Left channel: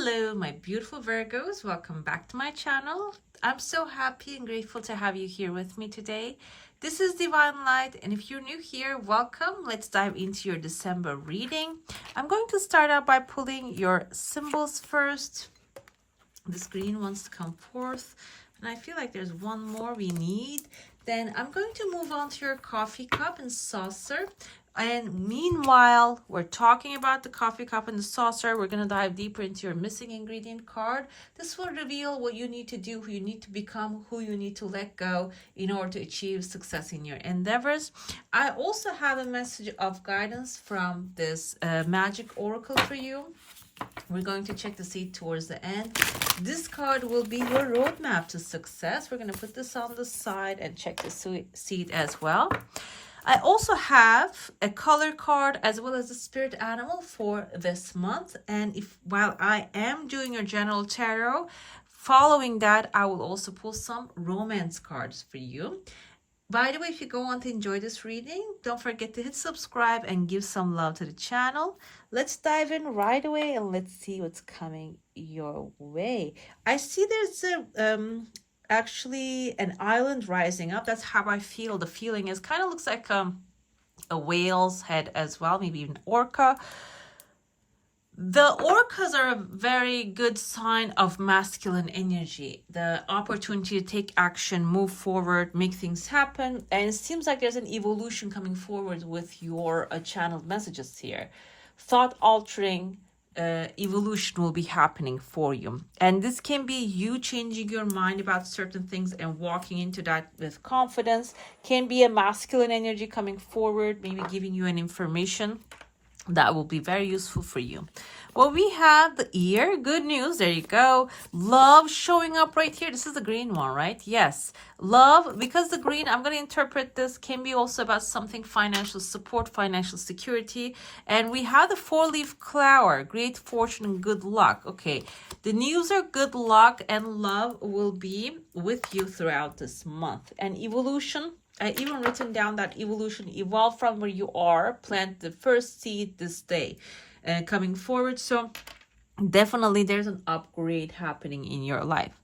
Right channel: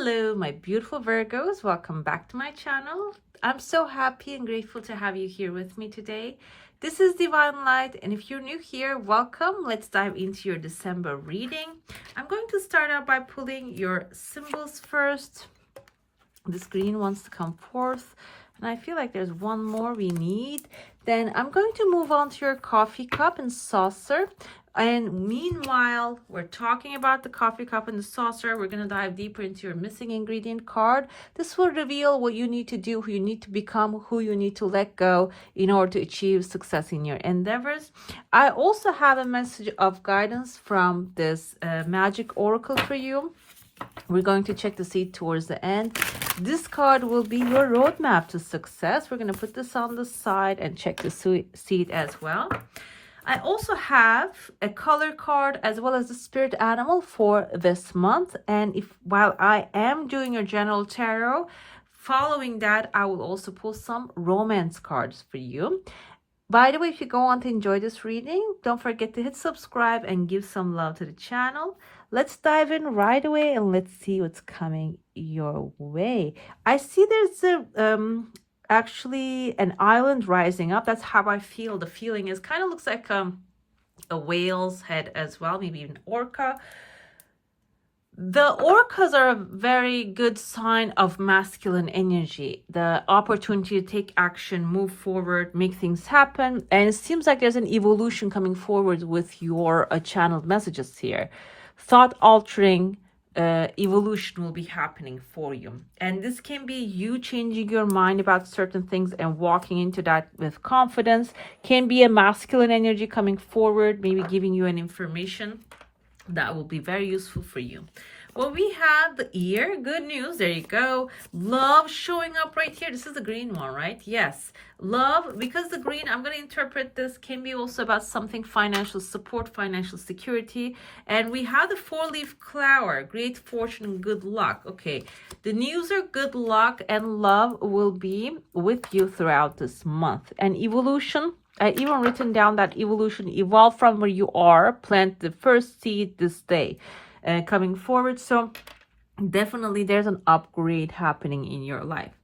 Hello, my beautiful Virgos. Welcome back to my channel. I'm so happy and grateful to have you here with me today. This is Divine Light, and if you're new here, welcome. Let's dive into your December reading. I'm going to start out by pulling your symbols first. This green wants to come forth, and I feel like there's one more we need. Then I'm going to move on to your coffee cup and saucer. And meanwhile, we're talking about the coffee cup and the saucer. We're going to dive deeper into your missing ingredient card. This will reveal what you need to do, who you need to become, who you need to let go in order to achieve success in your endeavors. I also have a message of guidance from this magic oracle for you. We're going to check the seed towards the end. This card will be your roadmap to success. We're going to put this on the side and check the seed as well. I also have a color card as well as the spirit animal for this month. And while I am doing your general tarot, following that, I will also pull some romance cards for you. By the way, if you go on to enjoy this reading, don't forget to hit subscribe and give some love to the channel. Let's dive in right away and let's see what's coming your way. I see there's actually an island rising up. That's how I feel. The feeling is kind of looks like a whale's head as well, maybe even orca. The orcas are a very good sign of masculine energy, the opportunity to take action, move forward, make things happen. And it seems like there's an evolution coming forward with your channeled messages here. Thought altering evolution will be happening for you, and this can be you changing your mind about certain things and walking into that with confidence. Can be a masculine energy coming forward, maybe giving you an information that will be very useful for you. Well, we have the ear. Good news. There you go. Love showing up right here. This is the green one, right? Yes. Love, because the green, I'm going to interpret this, can be also about something financial support, financial security. And we have the four-leaf flower, great fortune and good luck. Okay. The news are good luck and love will be with you throughout this month. And evolution, I even written down that evolution, evolve from where you are, plant the first seed this day. Coming forward, so definitely there's an upgrade happening in your life.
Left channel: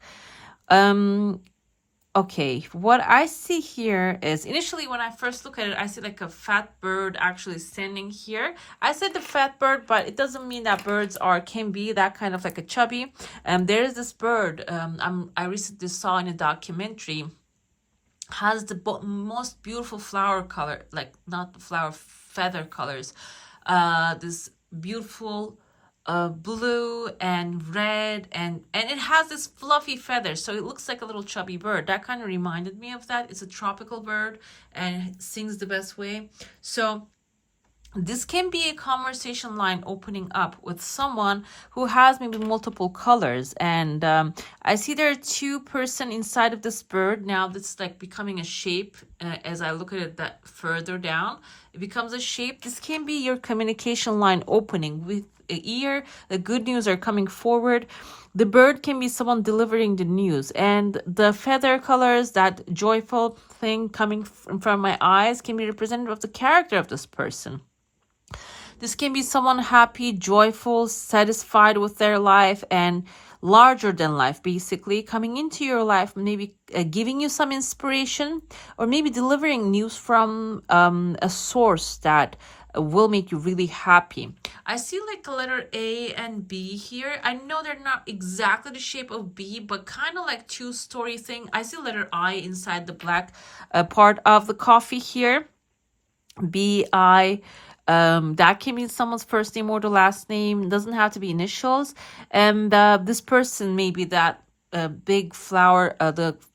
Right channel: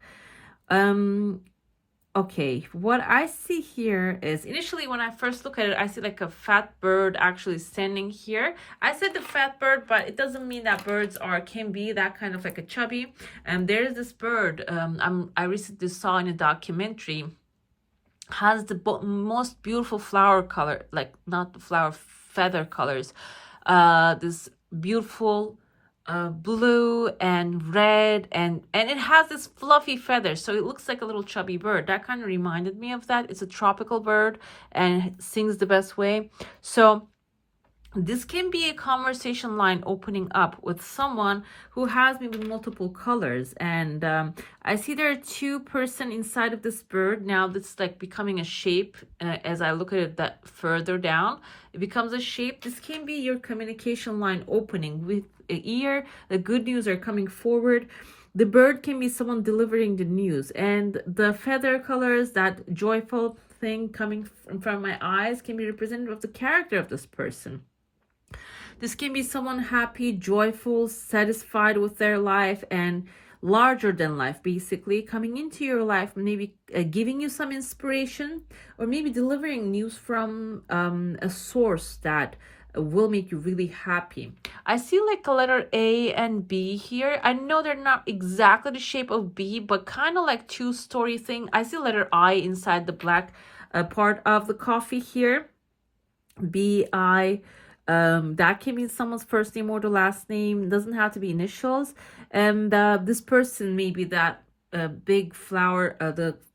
Okay, what I see here is initially when I first look at it, I see like a fat bird actually standing here. I said the fat bird, but it doesn't mean that birds can be that kind of like a chubby. There is this bird I recently saw in a documentary, has the most beautiful flower color, like not the flower, feather colors, this beautiful blue and red, and it has this fluffy feathers, so it looks like a little chubby bird. That kind of reminded me of that. It's a tropical bird and sings the best way. So this can be a conversation line opening up with someone who has maybe multiple colors. And I see there are two person inside of this bird. Now this is like becoming a shape. As I look at it that further down, it becomes a shape. This can be your communication line opening with an ear. The good news are coming forward. The bird can be someone delivering the news, and the feather colors, that joyful thing coming from my eyes, can be representative of the character of this person. This can be someone happy, joyful, satisfied with their life, and larger than life, basically, coming into your life, maybe giving you some inspiration, or maybe delivering news from a source that will make you really happy. I see like a letter A and B here. I know they're not exactly the shape of B, but kind of like two-story thing. I see letter I inside the black part of the coffee here. B-I. That can be someone's first name or the last name. Doesn't have to be initials. And this person may be that big flower,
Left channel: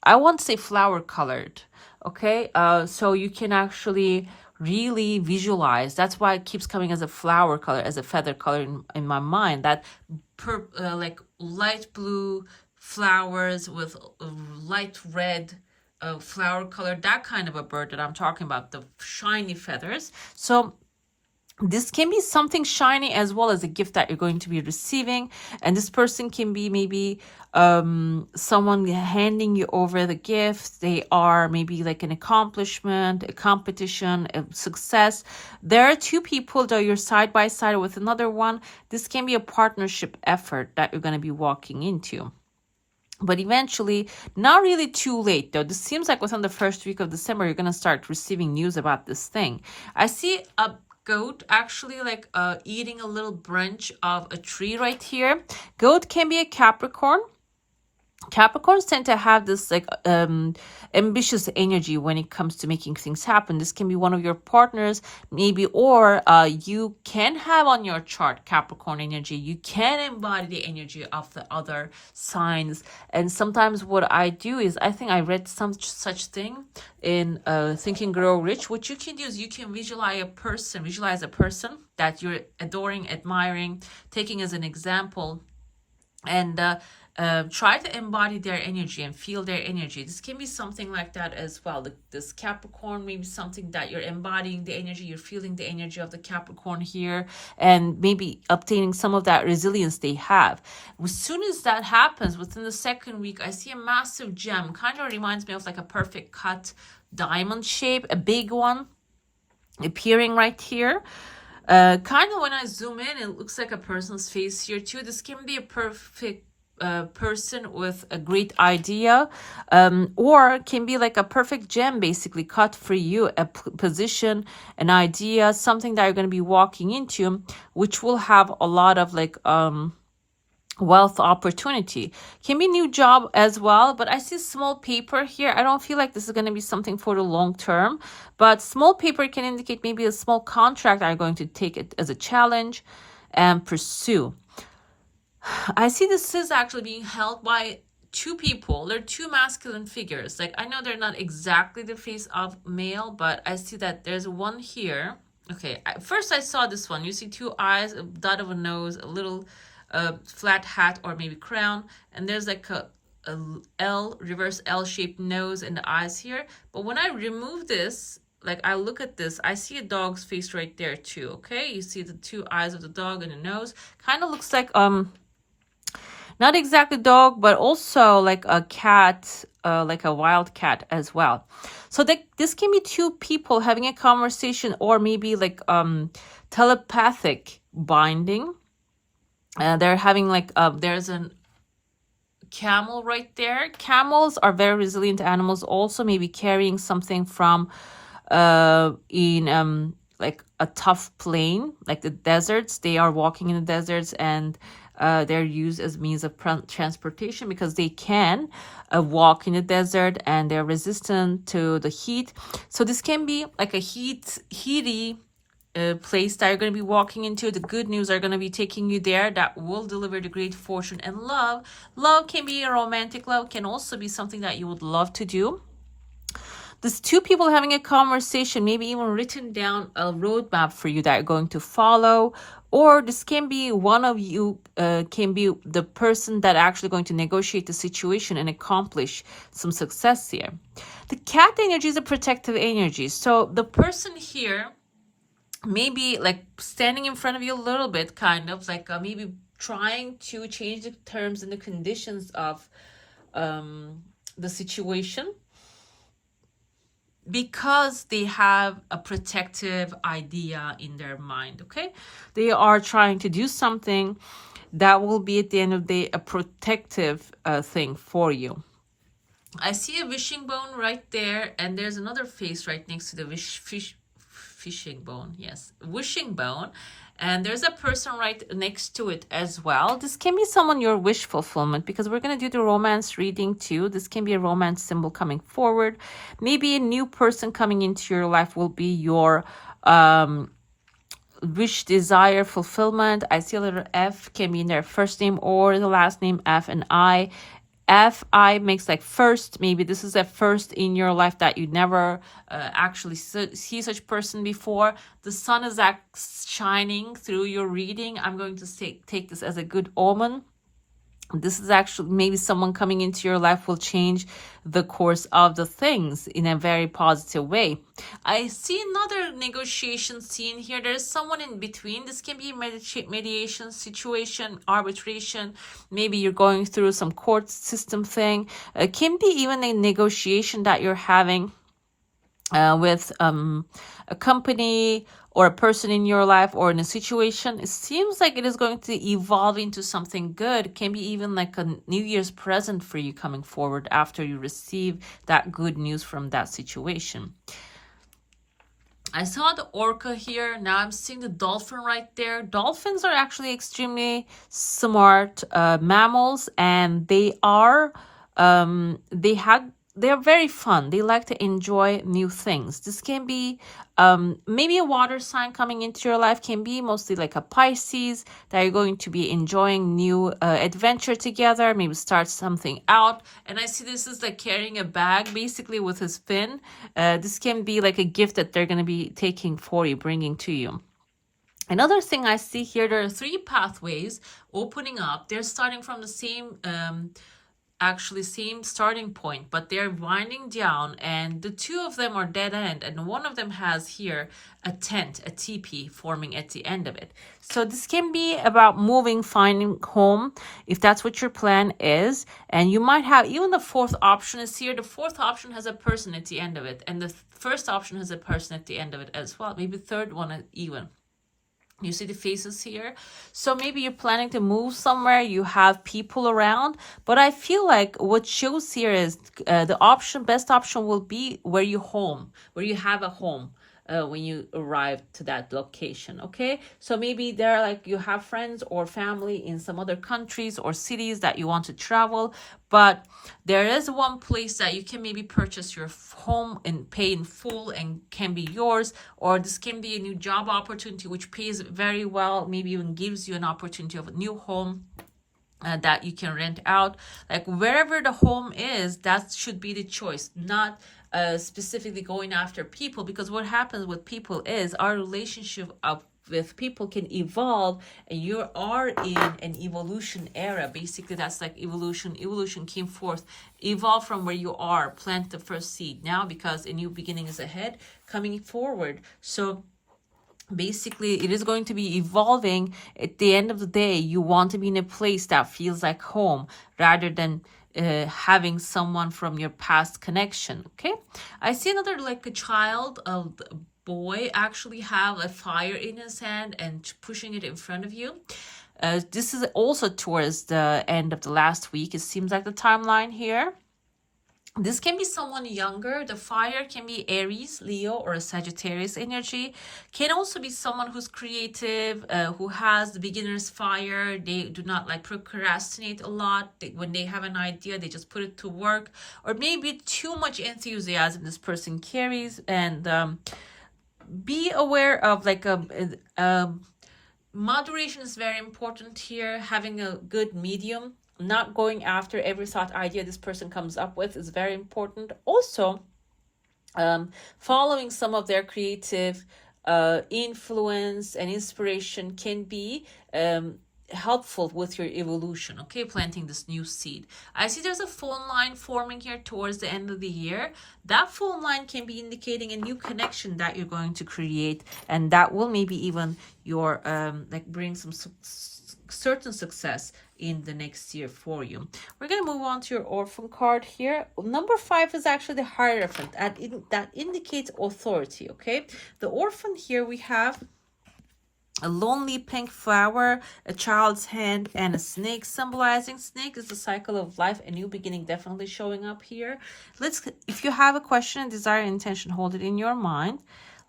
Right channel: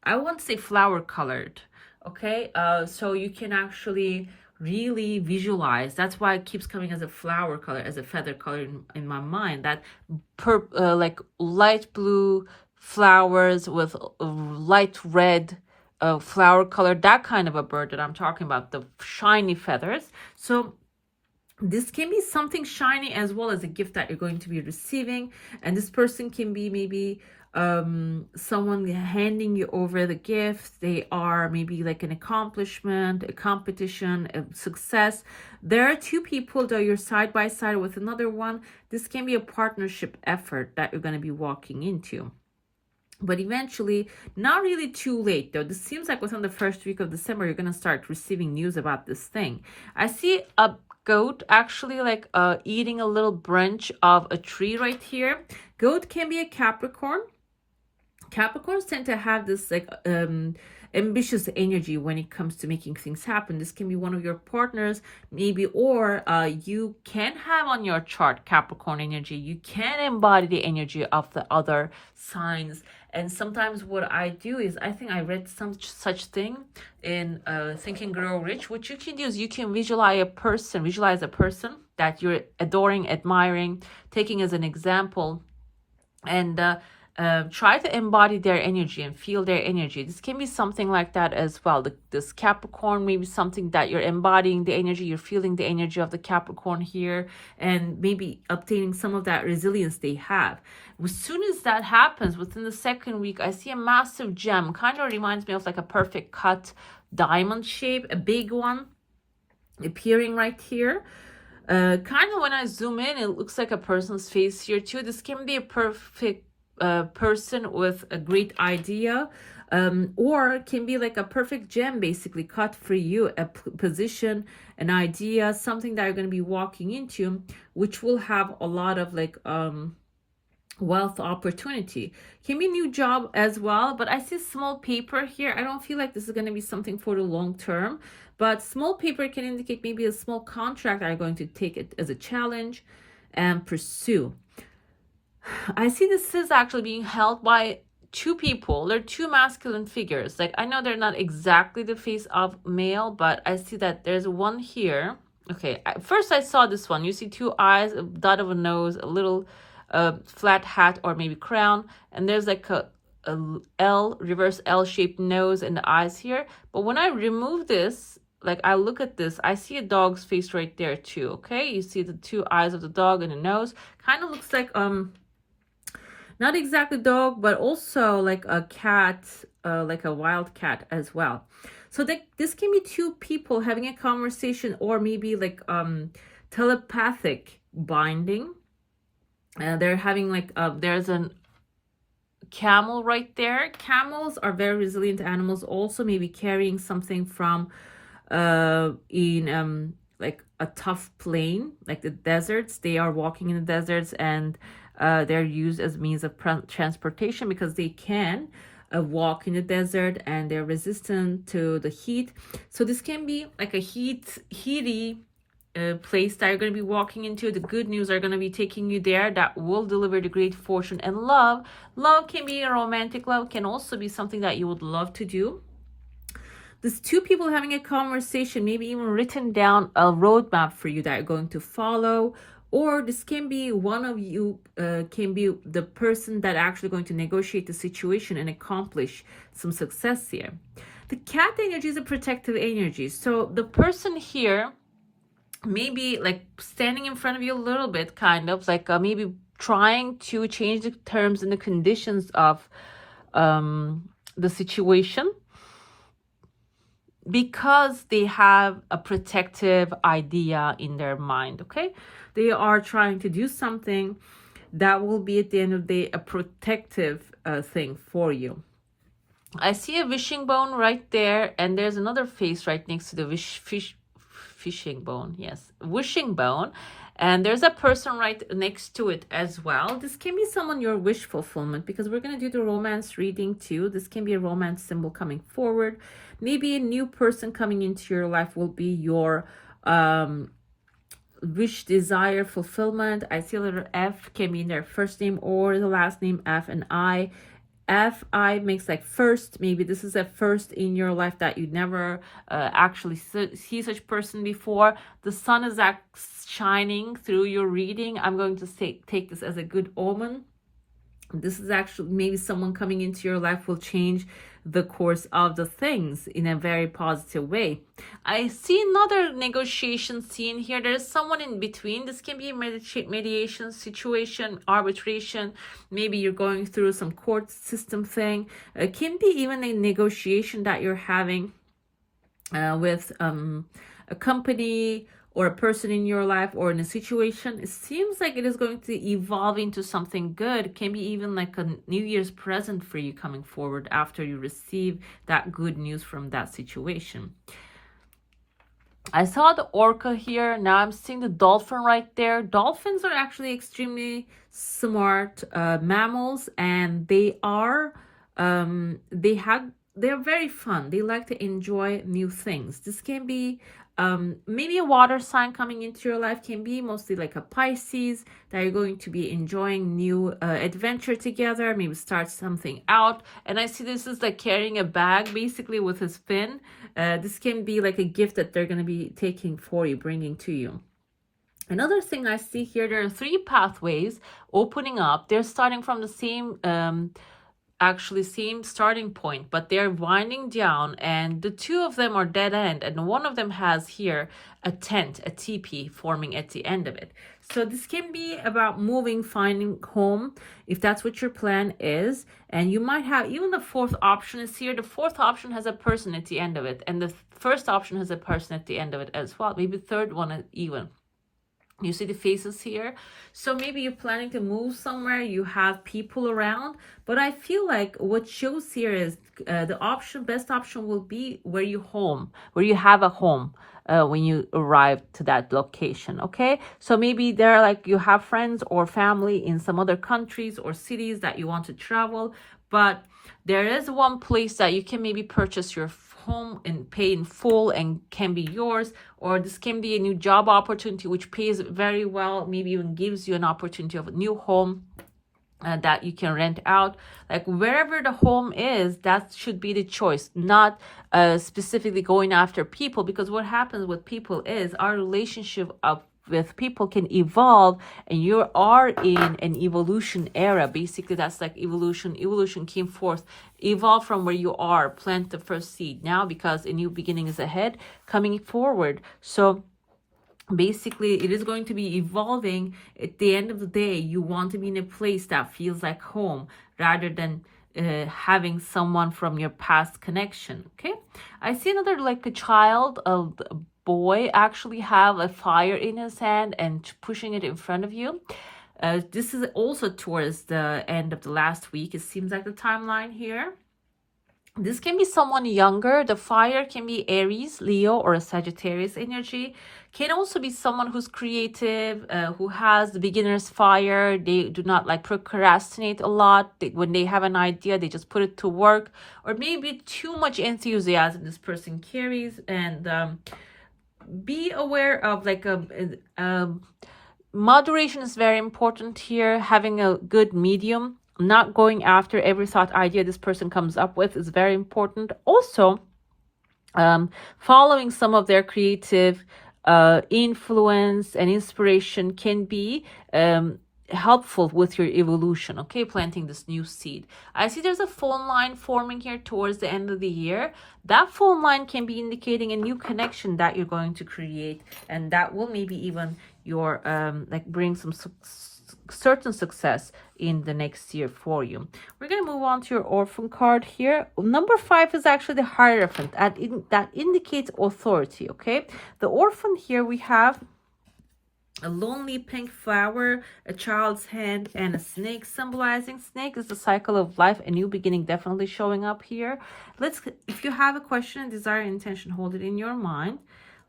I won't say flower colored. Okay, so you can actually really visualize. That's why it keeps coming as a flower color, as a feather color in my mind. That like light blue flowers with light red flower color, that kind of a bird that I'm talking about, the shiny feathers. So This can be something shiny as well as a gift that you're going to be receiving. And this person can be maybe someone handing you over the gift. They are maybe like an accomplishment, a competition, a success. There are two people that you're side by side with another one. This can be a partnership effort that you're going to be walking into. But eventually, not really too late though. This seems like within the first week of December, you're going to start receiving news about this thing. I see a goat actually like eating a little branch of a tree right here. Goat can be a Capricorn. Capricorns tend to have this like ambitious energy when it comes to making things happen. This can be one of your partners maybe, or you can have on your chart Capricorn energy. You can embody the energy of the other signs. And sometimes what I do is, I think I read some such thing in Think and Grow Rich. What you can do is you can visualize a person that you're adoring, admiring, taking as an example, and try to embody their energy and feel their energy. This can be something like that as well. This Capricorn may be something that you're embodying the energy, you're feeling the energy of the Capricorn here, and maybe obtaining some of that resilience they have. As soon as that happens, within the second week, I see a massive gem. Kind of reminds me of like a perfect cut diamond shape, a big one appearing right here. Kind of when I zoom in, it looks like a person's face here too. This can be a perfect person with a great idea, or can be like a perfect gem basically cut for you, a position, an idea, something that you're going to be walking into, which will have a lot of like wealth opportunity. Can be new job as well, but I see small paper here. I don't feel like this is going to be something for the long term, but small paper can indicate maybe a small contract are going to take it as a challenge and pursue. I see this is actually being held by two people. They're two masculine figures. Like, I know they're not exactly the face of male, but I see that there's one here. Okay, first I saw this one. You see two eyes, a dot of a nose, a little flat hat or maybe crown, and there's like a L, reverse L-shaped nose and the eyes here. But when I remove this, like I look at this, I see a dog's face right there too. Okay, you see the two eyes of the dog and the nose. Kind of looks like not exactly dog, but also like a cat, like a wild cat as well. So this can be two people having a conversation, or maybe like telepathic binding. They're having like there's an camel right there. Camels are very resilient animals, also maybe carrying something from in like a tough plain, like the deserts. They are walking in the deserts, and they're used as means of transportation because they can walk in the desert, and they're resistant to the heat. So this can be like a heaty place that you're going to be walking into. The good news are going to be taking you there, that will deliver the great fortune and love. Love can be a romantic love, can also be something that you would love to do. There's two people having a conversation, maybe even written down a roadmap for you that you're going to follow. Or this can be one of you, can be the person that actually going to negotiate the situation and accomplish some success here. The cat energy is a protective energy. So the person here maybe like standing in front of you a little bit, kind of like maybe trying to change the terms and the conditions of the situation, because they have a protective idea in their mind. Okay, they are trying to do something that will be at the end of the day a protective thing for you. I see a wishing bone right there, and there's another face right next to the fishing bone. Yes, wishing bone. And there's a person right next to it as well. This can be someone your wish fulfillment, because we're going to do the romance reading too. This can be a romance symbol coming forward. Maybe a new person coming into your life will be your wish, desire, fulfillment. I see a letter F can be in their first name or the last name F and I. F-I makes like first. Maybe this is a first in your life that you never actually see such person before. The sun is shining through your reading. I'm going to take this as a good omen. This is actually maybe someone coming into your life will change the course of the things in a very positive way. I see another negotiation scene here. There's someone in between. This can be a mediation situation, arbitration. Maybe you're going through some court system thing. It can be even a negotiation that you're having with a company or a person in your life or in a situation. It seems like it is going to evolve into something good. It can be even like a New Year's present for you coming forward after you receive that good news from that situation. I saw the orca here. Now I'm seeing the dolphin right there. Dolphins are actually extremely smart mammals, and they're very fun. They like to enjoy new things. This can be maybe a water sign coming into your life, can be mostly like a Pisces, that you're going to be enjoying new adventure together, maybe start something out. And I see this is like carrying a bag basically with his fin. This can be like a gift that they're going to be taking for you, bringing to you. Another thing I see here, there are 3 pathways opening up. They're starting from the same same starting point, but they're winding down, and the 2 of them are dead end, and one of them has here a tent, a teepee forming at the end of it. So this can be about moving, finding home, if that's what your plan is. And you might have even the 4th option is here. The 4th option has a person at the end of it, and the first option has a person at the end of it as well. Maybe the 3rd one even. You see the faces here. So maybe you're planning to move somewhere, you have people around, but I feel like what shows here is the best option will be where you have a home when you arrive to that location. Okay, so maybe there like you have friends or family in some other countries or cities that you want to travel, but there is one place that you can maybe purchase your home and pay in full and can be yours. Or this can be a new job opportunity which pays very well, maybe even gives you an opportunity of a new home that you can rent out. Like wherever the home is, that should be the choice, not specifically going after people, because what happens with people is our relationship with people can evolve, and you are in an evolution era. Basically, that's like evolution came forth, evolve from where you are, plant the first seed now, because a new beginning is ahead coming forward. So basically it is going to be evolving. At the end of the day, you want to be in a place that feels like home rather than having someone from your past connection. Okay, I see another like a child of boy actually have a fire in his hand and pushing it in front of you. This is also towards the end of the last week. It seems like the timeline here. This can be someone younger. The fire can be Aries, Leo, or a Sagittarius energy. Can also be someone who's creative, who has the beginner's fire. They do not like procrastinate a lot. When they have an idea, they just put it to work. Or maybe too much enthusiasm this person carries. And be aware of like moderation is very important here. Having a good medium, not going after every thought idea this person comes up with, is very important. Also, following some of their creative influence and inspiration can be helpful with your evolution. Okay, planting this new seed. I see there's a phone line forming here towards the end of the year. That phone line can be indicating a new connection that you're going to create, and that will maybe even your like bring some certain success in the next year for you. We're going to move on to your Orphan card here. Number 5 is actually the Hierophant, that indicates authority. Okay, the Orphan here, we have a lonely pink flower, a child's hand, and a snake symbolizing. Snake is the cycle of life, a new beginning definitely showing up here. If you have a question, desire, intention, hold it in your mind.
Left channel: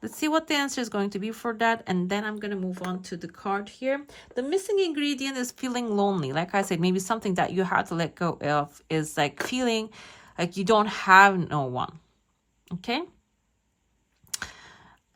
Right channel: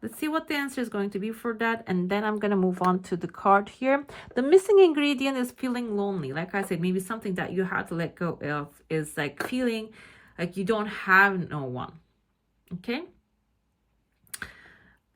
Let's see what the answer is going to be for that, and then I'm going to move on to the card here. The missing ingredient is feeling lonely. Like I said, maybe something that you have to let go of is like feeling like you don't have no one. Okay?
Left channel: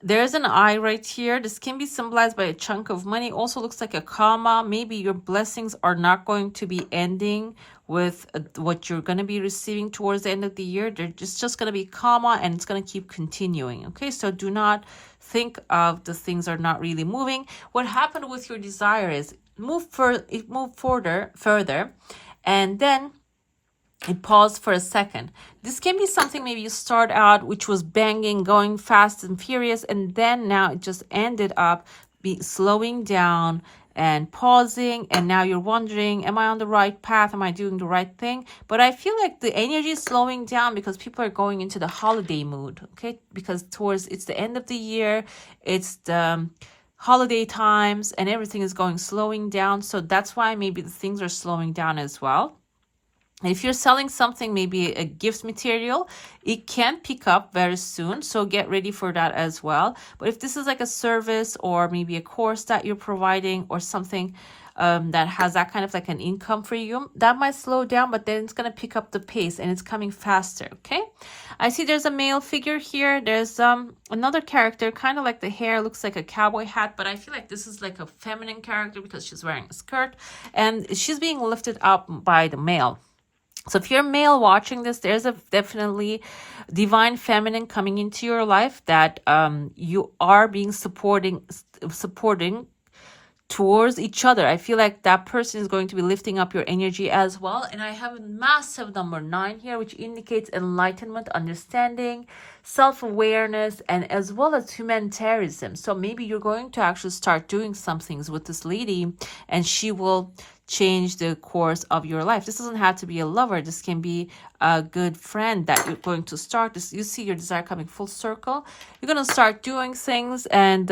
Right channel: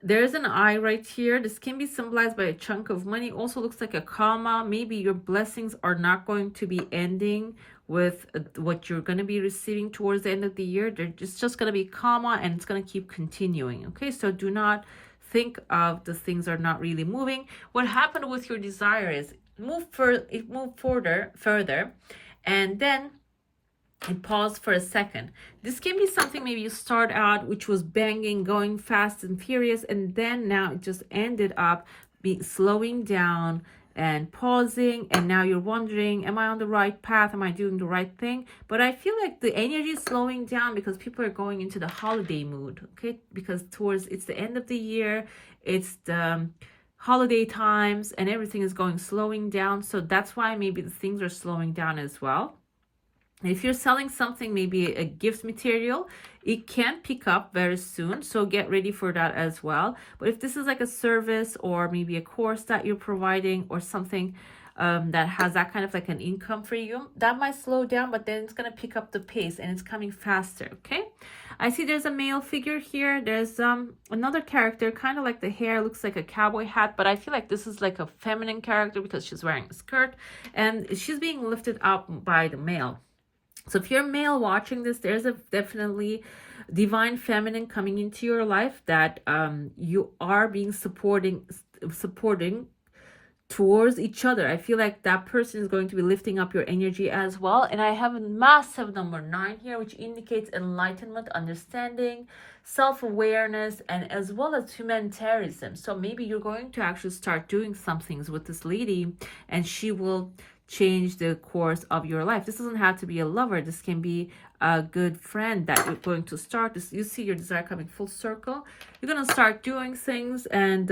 There's an eye right here. This can be symbolized by a chunk of money. Also looks like a comma. Maybe your blessings are not going to be ending with what you're going to be receiving towards the end of the year. They're just going to be comma, and it's going to keep continuing. Okay, so do not think of the things are not really moving. What happened with your desire is it moved further, and then it paused for a second. This can be something maybe you start out which was banging, going fast and furious, and then now it just ended up slowing down and pausing, and now you're wondering, am I on the right path? Am I doing the right thing? But I feel like the energy is slowing down because people are going into the holiday mood, okay? Because it's the end of the year, it's the holiday times, and everything is slowing down. So that's why maybe the things are slowing down as well. If you're selling something, maybe a gift material, it can pick up very soon. So get ready for that as well. But if this is like a service or maybe a course that you're providing or something that has that kind of like an income for you, that might slow down, but then it's going to pick up the pace and it's coming faster. Okay. I see there's a male figure here. There's another character, kind of like the hair looks like a cowboy hat, but I feel like this is like a feminine character because she's wearing a skirt and she's being lifted up by the male. So if you're male watching this, there's a definitely divine feminine coming into your life that you are being supporting towards each other. I feel like that person is going to be lifting up your energy as well. And I have a massive number 9 here, which indicates enlightenment, understanding, self-awareness, and as well as humanitarianism. So maybe you're going to actually start doing some things with this lady and she will change the course of your life. This doesn't have to be a lover. This can be a good friend that you're going to start this. You see your desire coming full circle. You're going to start doing things and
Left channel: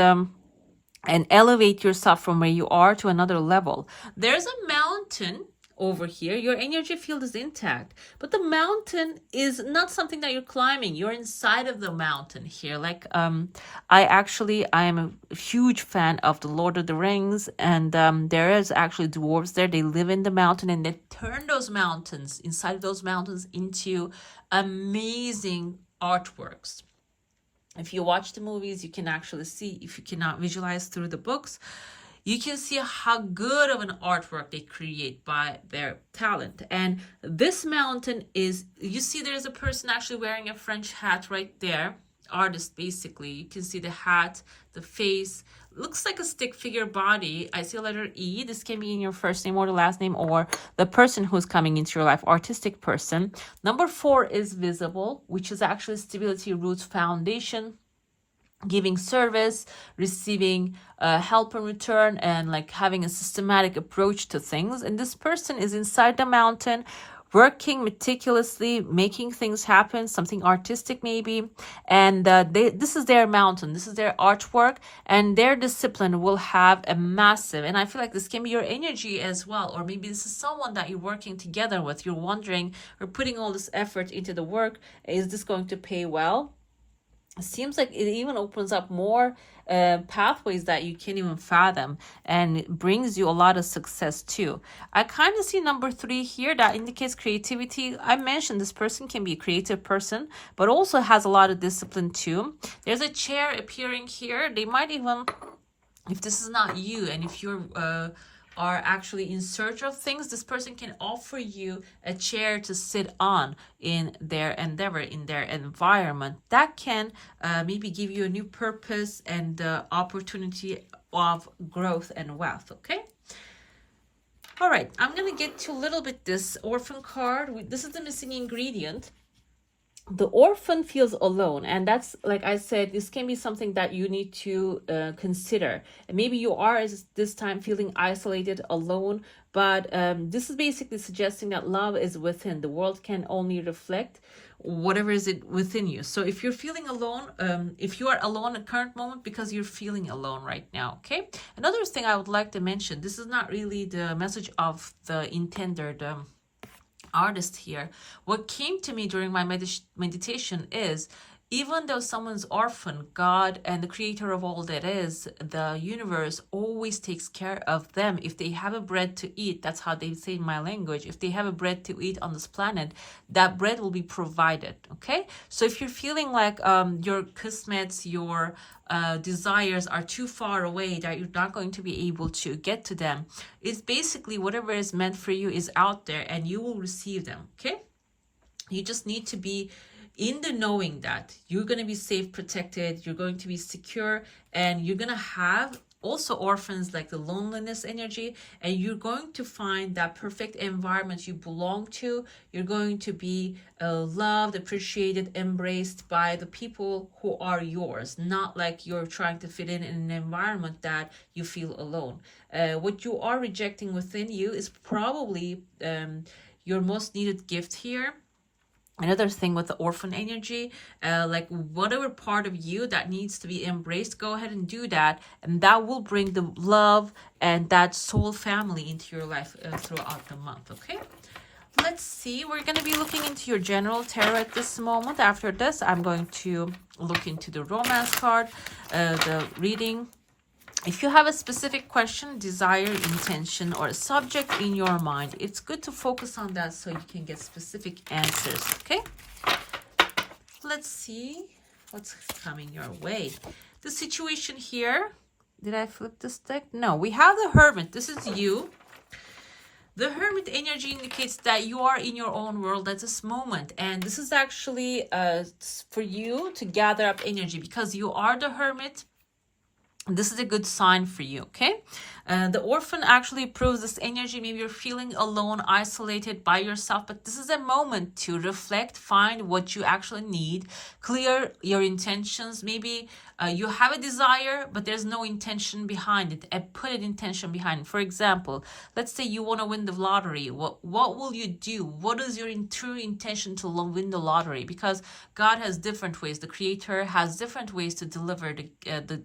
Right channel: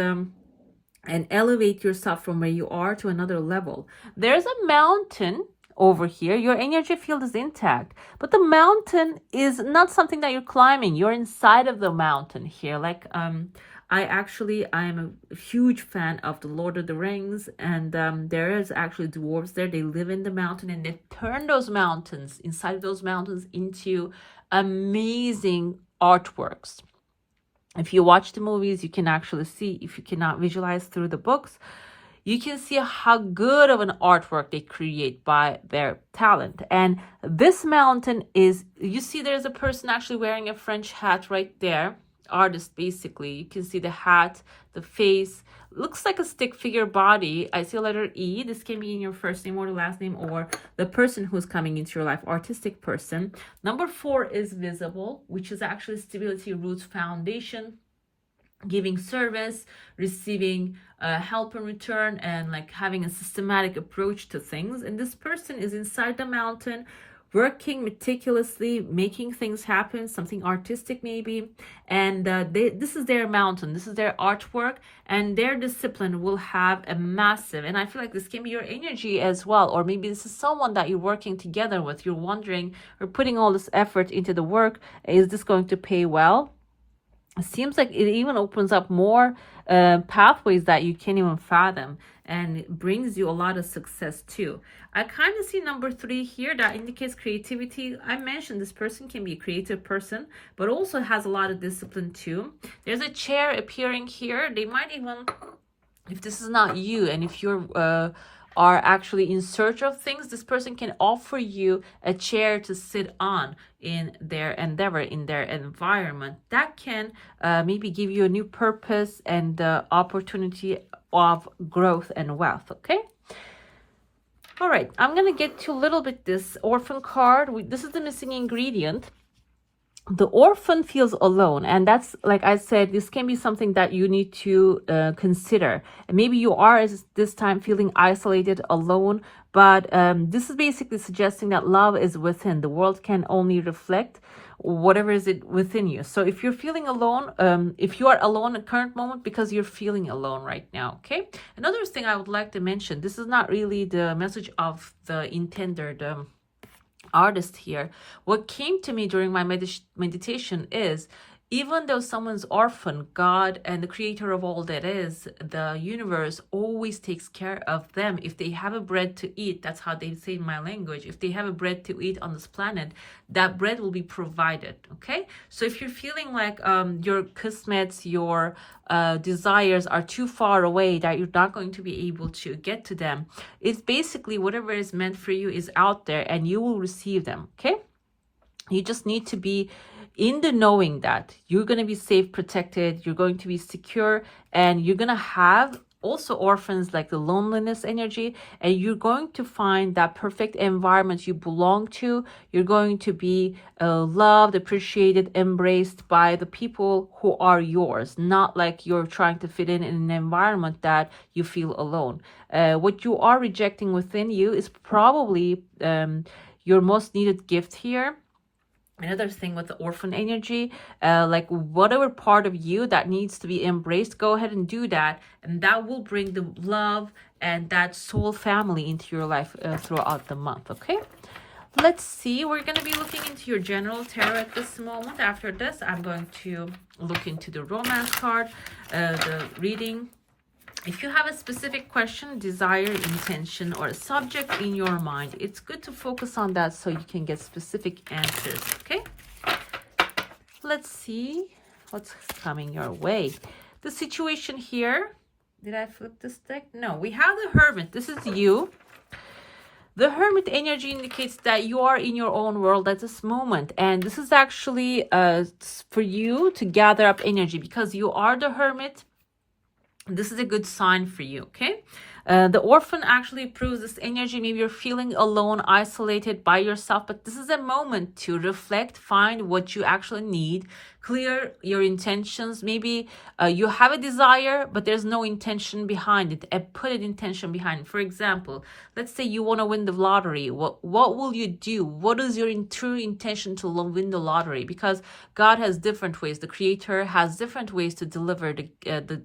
elevate yourself from where you are to another level. There's a mountain over here. Your energy field is intact, but the mountain is not something that you're climbing. You're inside of the mountain here. Like I am a huge fan of the Lord of the Rings, and there is actually dwarves there. They live in the mountain and they turn those mountains, inside of those mountains, into amazing artworks. If you watch the movies, you can actually see, if you cannot visualize through the books, you can see how good of an artwork they create by their talent. And this mountain is, you see there's a person actually wearing a French hat right there. Artist, basically. You can see the hat, the face. Looks like a stick figure body. I see a letter E. This can be in your first name or the last name or the person who's coming into your life, artistic person. Number 4 is visible, which is actually stability, roots, foundation, giving service, receiving help in return, and like having a systematic approach to things. And this person is inside the mountain, working meticulously, making things happen, something artistic maybe. And this is their mountain, this is their artwork, and their discipline will have a massive, and I feel like this can be your energy as well, or maybe this is someone that you're working together with. You're wondering, or putting all this effort into the work, is this going to pay well? It seems like it even opens up more pathways that you can't even fathom, and it brings you a lot of success too. I kind of see number 3 here that indicates creativity. I mentioned this person can be a creative person, but also has a lot of discipline too. There's a chair appearing here. They might even, if this is not you, and if you're are actually in search of things, this person can offer you a chair to sit on in their endeavor, in their environment. That can maybe give you a new purpose and opportunity of growth and wealth. Okay. All right. I'm going to get to a little bit this orphan card. This is the missing ingredient. The orphan feels alone, and that's, like I said, this can be something that you need to consider. And maybe you are at this time feeling isolated, alone, but this is basically suggesting that love is within. The world can only reflect whatever is it within you. So if you're feeling alone, if you are alone at current moment because you're feeling alone right now, okay? Another thing I would like to mention, this is not really the message of the intended artist here. What came to me during my meditation is, even though someone's orphan, God and the creator of all that is, the universe, always takes care of them. If they have a bread to eat, that's how they say in my language, if they have a bread to eat on this planet, that bread will be provided. Okay, so if you're feeling like your kismets, your desires are too far away, that you're not going to be able to get to them, it's basically whatever is meant for you is out there and you will receive them. Okay, you just need to be in the knowing that you're going to be safe, protected, you're going to be secure, and you're going to have also orphans, like the loneliness energy, and you're going to find that perfect environment you belong to. You're going to be loved, appreciated, embraced by the people who are yours, not like you're trying to fit in an environment that you feel alone. What you are rejecting within you is probably your most needed gift here. Another thing with the orphan energy, like whatever part of you that needs to be embraced, go ahead and do that, and that will bring the love and that soul family into your life throughout the month. Okay, let's see. We're going to be looking into your general tarot at this moment. After this, I'm going to look into the romance card, the reading. If you have a specific question, desire, intention, or a subject in your mind, it's good to focus on that so you can get specific answers, okay? Let's see what's coming your way. The situation here, did I flip this deck? No, we have the Hermit. This is you. The Hermit energy indicates that you are in your own world at this moment. And this is actually for you to gather up energy because you are the Hermit. This is a good sign for you, okay? The Orphan actually proves this energy. Maybe you're feeling alone, isolated by yourself, but this is a moment to reflect, find what you actually need, clear your intentions. Maybe you have a desire, but there's no intention behind it. Put an intention behind it. For example, let's say you want to win the lottery. What will you do? What is your true intention to win the lottery? Because God has different ways. The Creator has different ways to deliver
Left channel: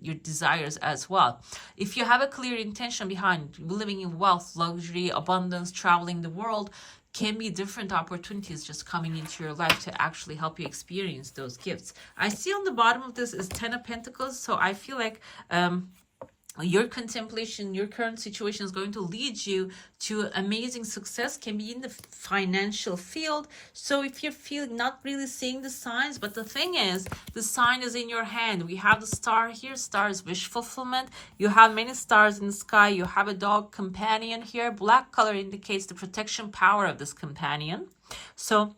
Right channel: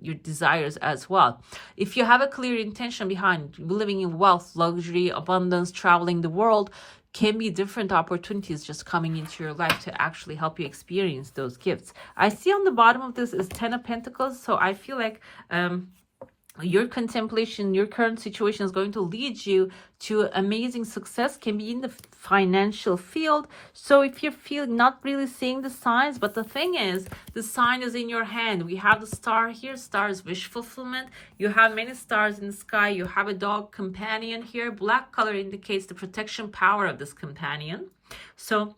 your desires as well. If you have a clear intention behind living in wealth, luxury, abundance, traveling the world, can be different opportunities just coming into your life to actually help you experience those gifts. I see on the bottom of this is 10 of Pentacles, so I feel like your contemplation, your current situation is going to lead you to amazing success. Can be in the financial field. So if you feel not really seeing the signs, but the thing is, the sign is in your hand. We have the star here. Star is wish fulfillment. You have many stars in the sky. You have a dog companion here. Black color indicates the protection power of this companion. So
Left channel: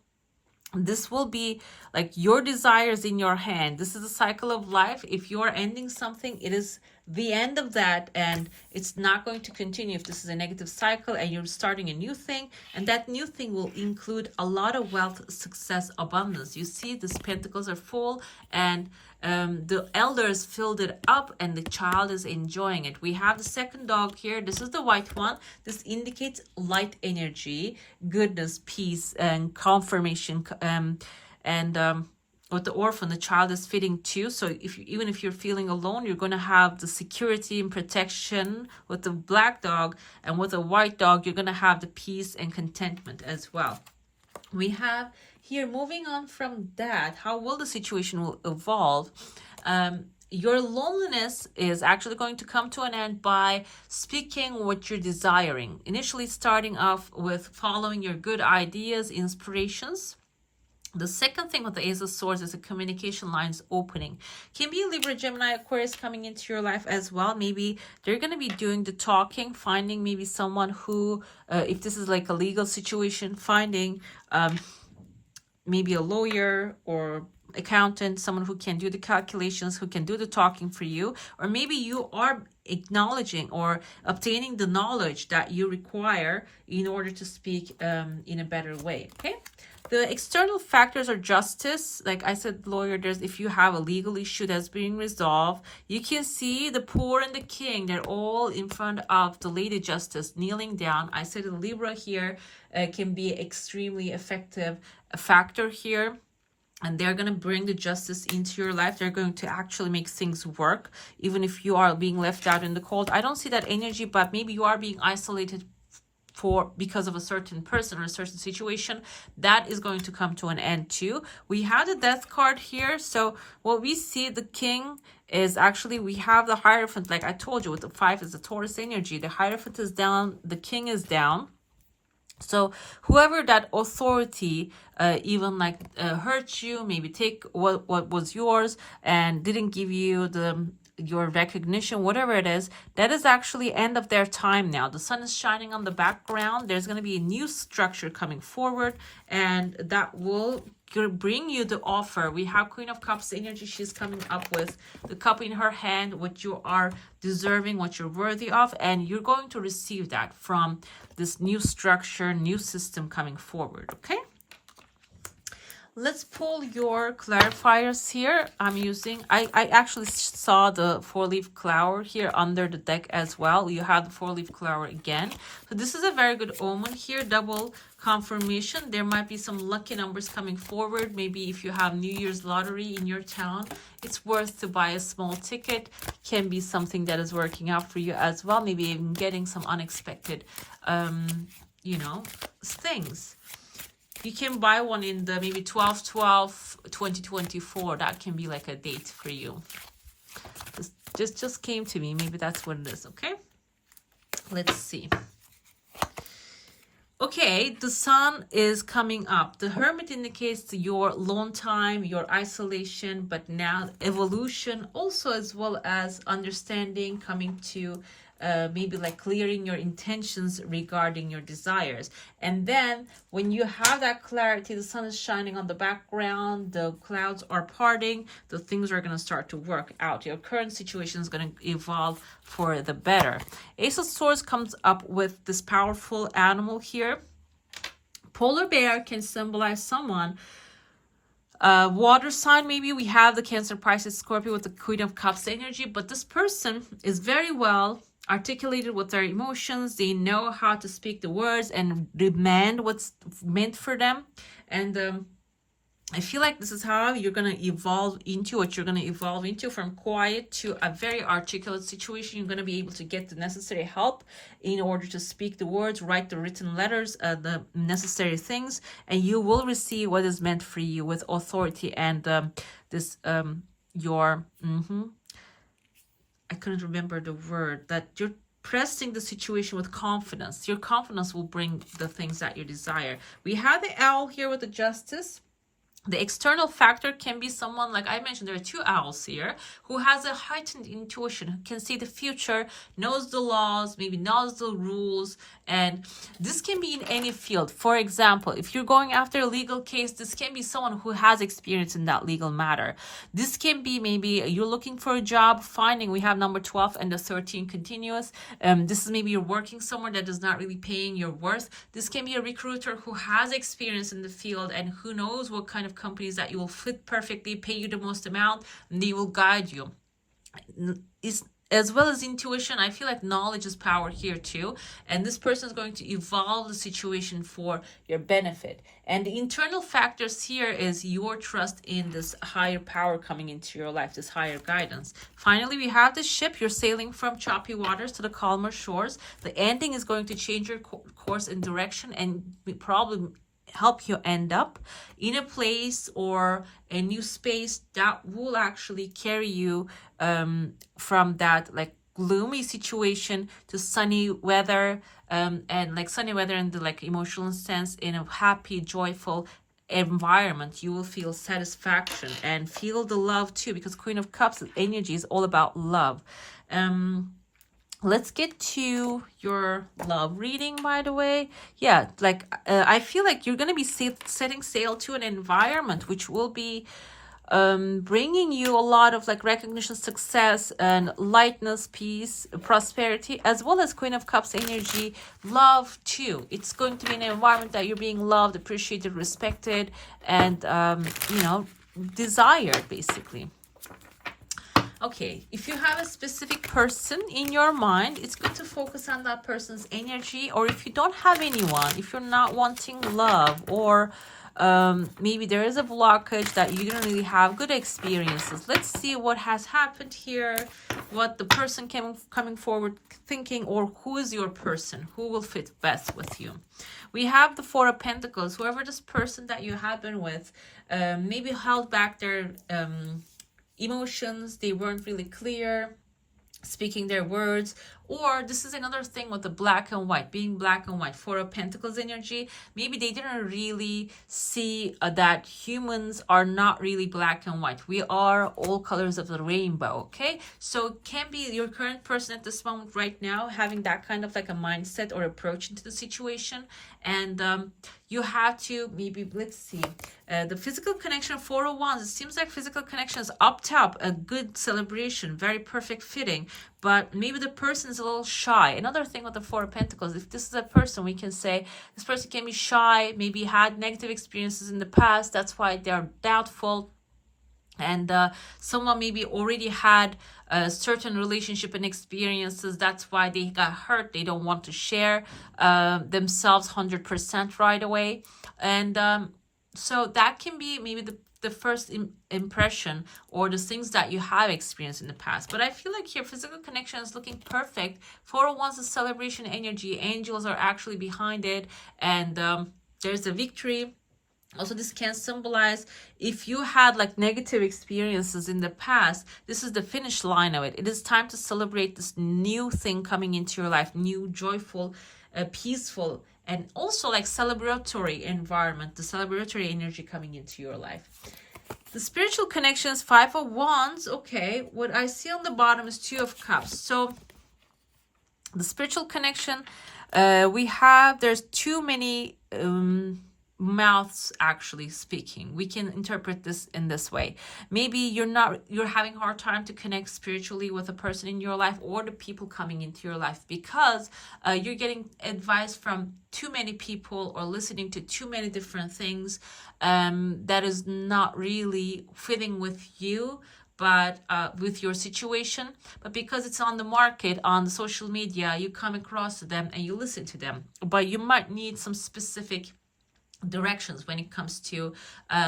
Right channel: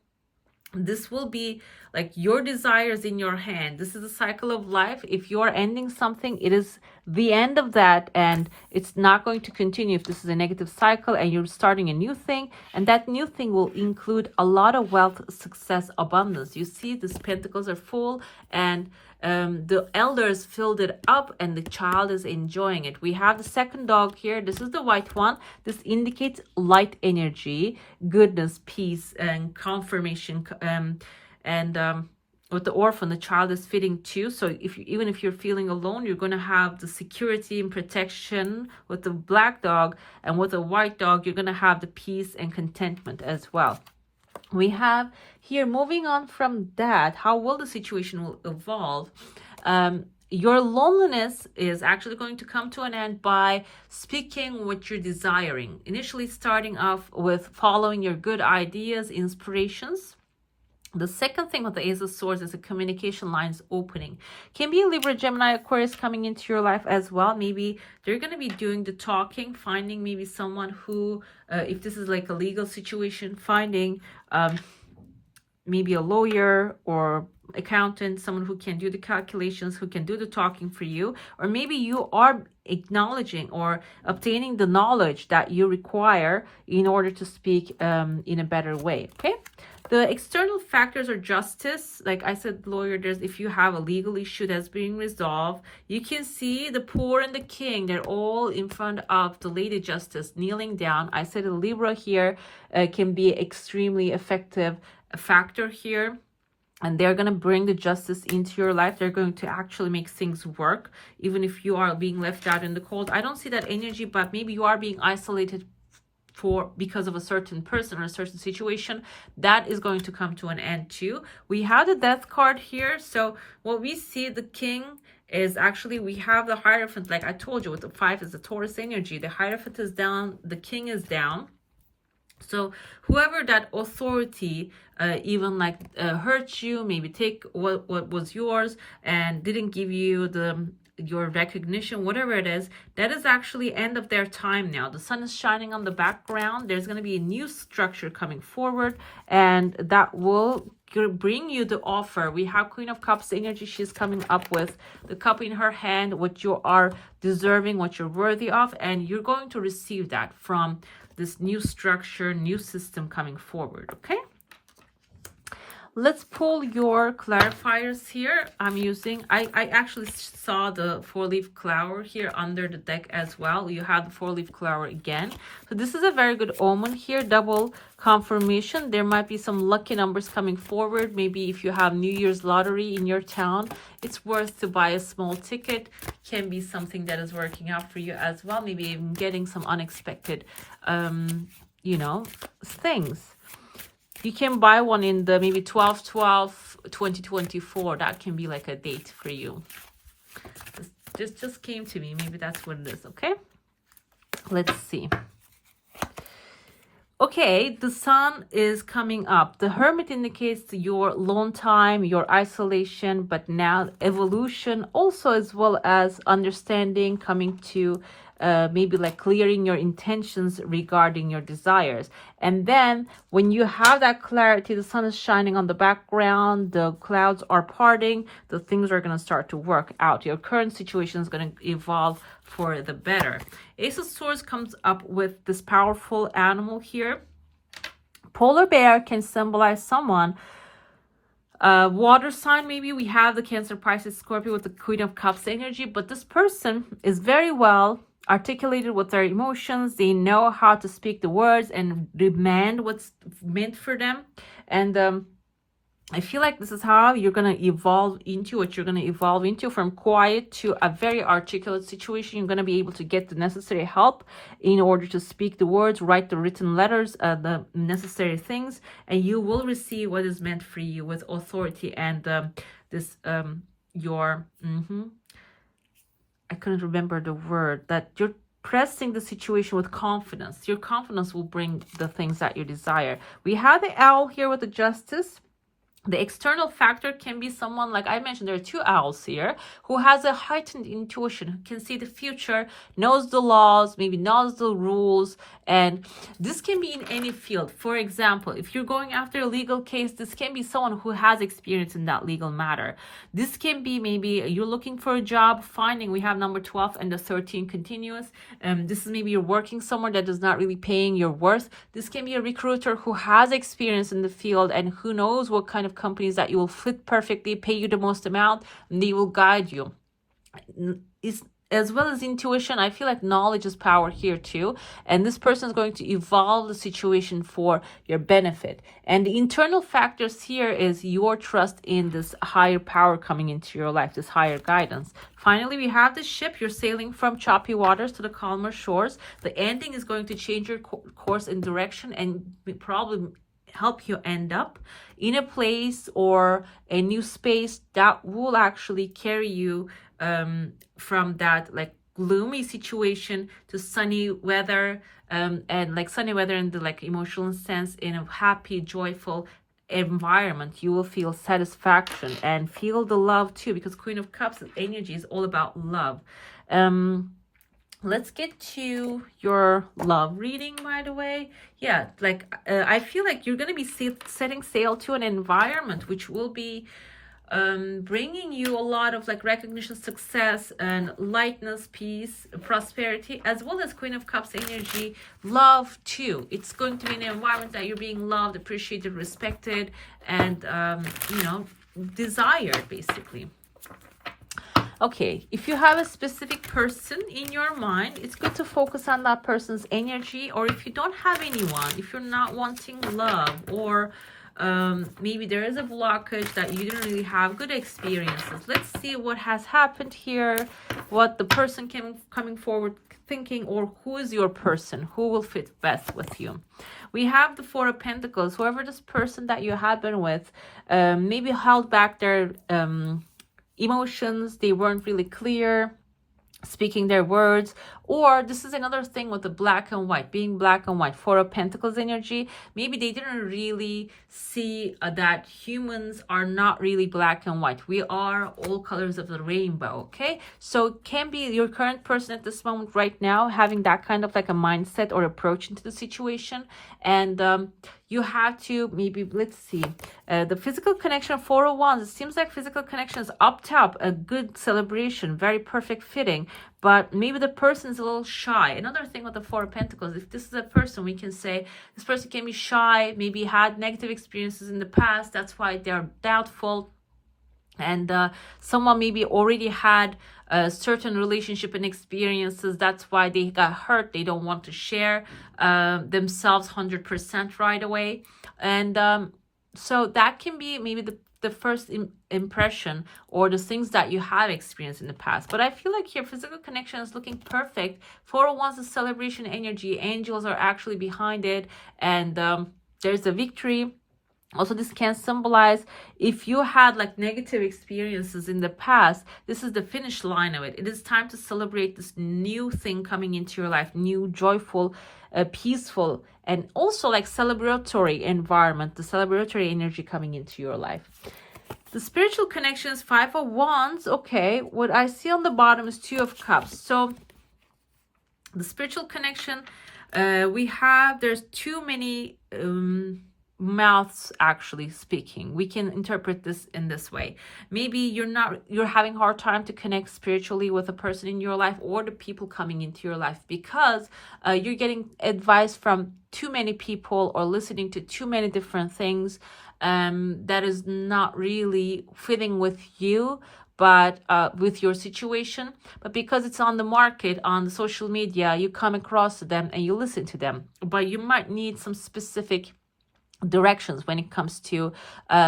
this will be like your desires in your hand. This is a cycle of life. If you are ending something, it is the end of that, and it's not going to continue. If this is a negative cycle and you're starting a new thing, and that new thing will include a lot of wealth, success, abundance. You see, these pentacles are full, and the elders filled it up, and the child is enjoying it. We have the second dog here. This is the white one. This indicates light energy, goodness, peace, and confirmation, with the Orphan, the child is fitting too. So even if you're feeling alone, you're going to have the security and protection with the black dog, and with the white dog, you're going to have the peace and contentment as well. We have here, moving on from that, how will the situation will evolve? Your loneliness is actually going to come to an end by speaking what you're desiring. Initially starting off with following your good ideas, inspirations. The second thing with the Ace of Swords is the communication lines opening. Can be a Libra, Gemini, Aquarius coming into your life as well. Maybe they're going to be doing the talking, finding maybe someone who, if this is like a legal situation, finding maybe a lawyer or accountant, someone who can do the calculations, who can do the talking for you. Or maybe you are acknowledging or obtaining the knowledge that you require in order to speak in a better way, okay? The external factors are justice. Like I said, lawyer, there's if you have a legal issue that's being resolved, you can see the poor and the king. They're all in front of the Lady Justice kneeling down. I said a Libra here can be extremely effective factor here. And they're going to bring the justice into your life. They're going to actually make things work, even if you are being left out in the cold. I don't see that energy, but maybe you are being isolated because of a certain person or a certain situation. That is going to come to an end too. We have the Death card here. So what we see, the king is actually, we have the Hierophant. Like I told you, with the 5 is the Taurus energy. The Hierophant is down, the king is down. So whoever that authority even like hurt you, maybe take what was yours and didn't give you the your recognition, whatever it is, that is actually end of their time now. The sun is shining on the background. There's going to be a new structure coming forward, and that will bring you the offer. We have Queen of Cups energy. She's coming up with the cup in her hand, what you are deserving, what you're worthy of, and you're going to receive that from this new structure, new system coming forward. Okay, let's pull your clarifiers here. I'm using, I actually saw the 4-leaf clover here under the deck as well. You have the 4-leaf clover again. So this is a very good omen here, double confirmation. There might be some lucky numbers coming forward. Maybe if you have New Year's lottery in your town, it's worth to buy a small ticket. Can be something that is working out for you as well. Maybe even getting some unexpected, you know, things. You can buy one in the maybe 12/12/2024. That can be like a date for you. Just came to me. Maybe that's what it is. Okay, let's see. Okay, the sun is coming up. The Hermit indicates your lone time, your isolation, but now evolution also, as well as understanding, coming to maybe like clearing your intentions regarding your desires. And then when you have that clarity, the sun is shining on the background, the clouds are parting, the things are going to start to work out. Your current situation is going to evolve for the better. Ace of Swords comes up with this powerful animal here. Polar bear can symbolize someone. Water sign, maybe we have the Cancer, Pisces, Scorpio with the Queen of Cups energy, but this person is very well articulated with their emotions. They know how to speak the words and demand what's meant for them. And I feel like this is how you're going to evolve into what you're going to evolve into, from quiet to a very articulate situation. You're going to be able to get the necessary help in order to speak the words, write the written letters, the necessary things, and you will receive what is meant for you with authority and I couldn't remember the word, that you're pressing the situation with confidence. Your confidence will bring the things that you desire. We have the owl here with the Justice. The external factor can be someone, like I mentioned, there are two owls here, who has a heightened intuition, who can see the future, knows the laws, maybe knows the rules. And this can be in any field. For example, if you're going after a legal case, this can be someone who has experience in that legal matter. This can be maybe you're looking for a job, finding, we have number 12 and the 13 continuous. This is maybe you're working somewhere that is not really paying your worth. This can be a recruiter who has experience in the field and who knows what kind of companies that you will fit perfectly, pay you the most amount, and they will guide you. As well as intuition, I feel like knowledge is power here too. And this person is going to evolve the situation for your benefit. And the internal factors here is your trust in this higher power coming into your life, this higher guidance. Finally, we have the ship. You're sailing from choppy waters to the calmer shores. The ending is going to change your course and direction and probably help you end up in a place or a new space that will actually carry you from that like gloomy situation to sunny weather, and like sunny weather in the like emotional sense, in a happy, joyful environment. You will feel satisfaction and feel the love too, because Queen of Cups energy is all about love. Let's get to your love reading, by the way. Yeah, like I feel like you're going to be setting sail to an environment which will be bringing you a lot of like recognition, success, and lightness, peace, prosperity, as well as Queen of Cups energy, love too. It's going to be an environment that you're being loved, appreciated, respected, and you know, desired, basically. Okay, if you have a specific person in your mind, it's good to focus on that person's energy. Or if you don't have anyone, if you're not wanting love, or maybe there is a blockage that you didn't really have good experiences. Let's see what has happened here, what the person coming forward thinking, or who is your person, who will fit best with you. We have the Four of Pentacles. Whoever this person that you have been with maybe held back their emotions, they weren't really clear speaking their words, Or this is another thing with the black and white, being black and white. Four of Pentacles energy, maybe they didn't really see that humans are not really black and white. We are all colors of the rainbow, okay? So it can be your current person at this moment right now having that kind of like a mindset or approach into the situation. And you have to maybe, let's see, the physical connection, 4 of Wands, it seems like physical connection is up top, a good celebration, very perfect fitting, but maybe the person is a little shy. Another thing with the 4 of Pentacles, if this is a person, we can say this person can be shy, maybe had negative experiences in the past, that's why they're doubtful. And someone maybe already had a certain relationship and experiences. That's why they got hurt. They don't want to share themselves 100% right away. And so that can be maybe the first impression or the things that you have experienced in the past. But I feel like here physical connection is looking perfect. 4 of Wands is celebration energy. Angels are actually behind it. And there's a victory. Also, this can symbolize if you had like negative experiences in the past, this is the finish line of it. It is time to celebrate this new thing coming into your life, new, joyful, peaceful, and also like celebratory environment, the celebratory energy coming into your life. The spiritual connections, 5 of Wands. Okay, what I see on the bottom is 2 of Cups. So the spiritual connection, there's too many mouths actually speaking. We can interpret this in this way. Maybe you're having a hard time to connect spiritually with a person in your life or the people coming into your life because you're getting advice from too many people or listening to too many different things that is not really fitting with you, but with your situation. But because it's on the market, on the social media, you come across them and you listen to them. But you might need some specific directions when it comes to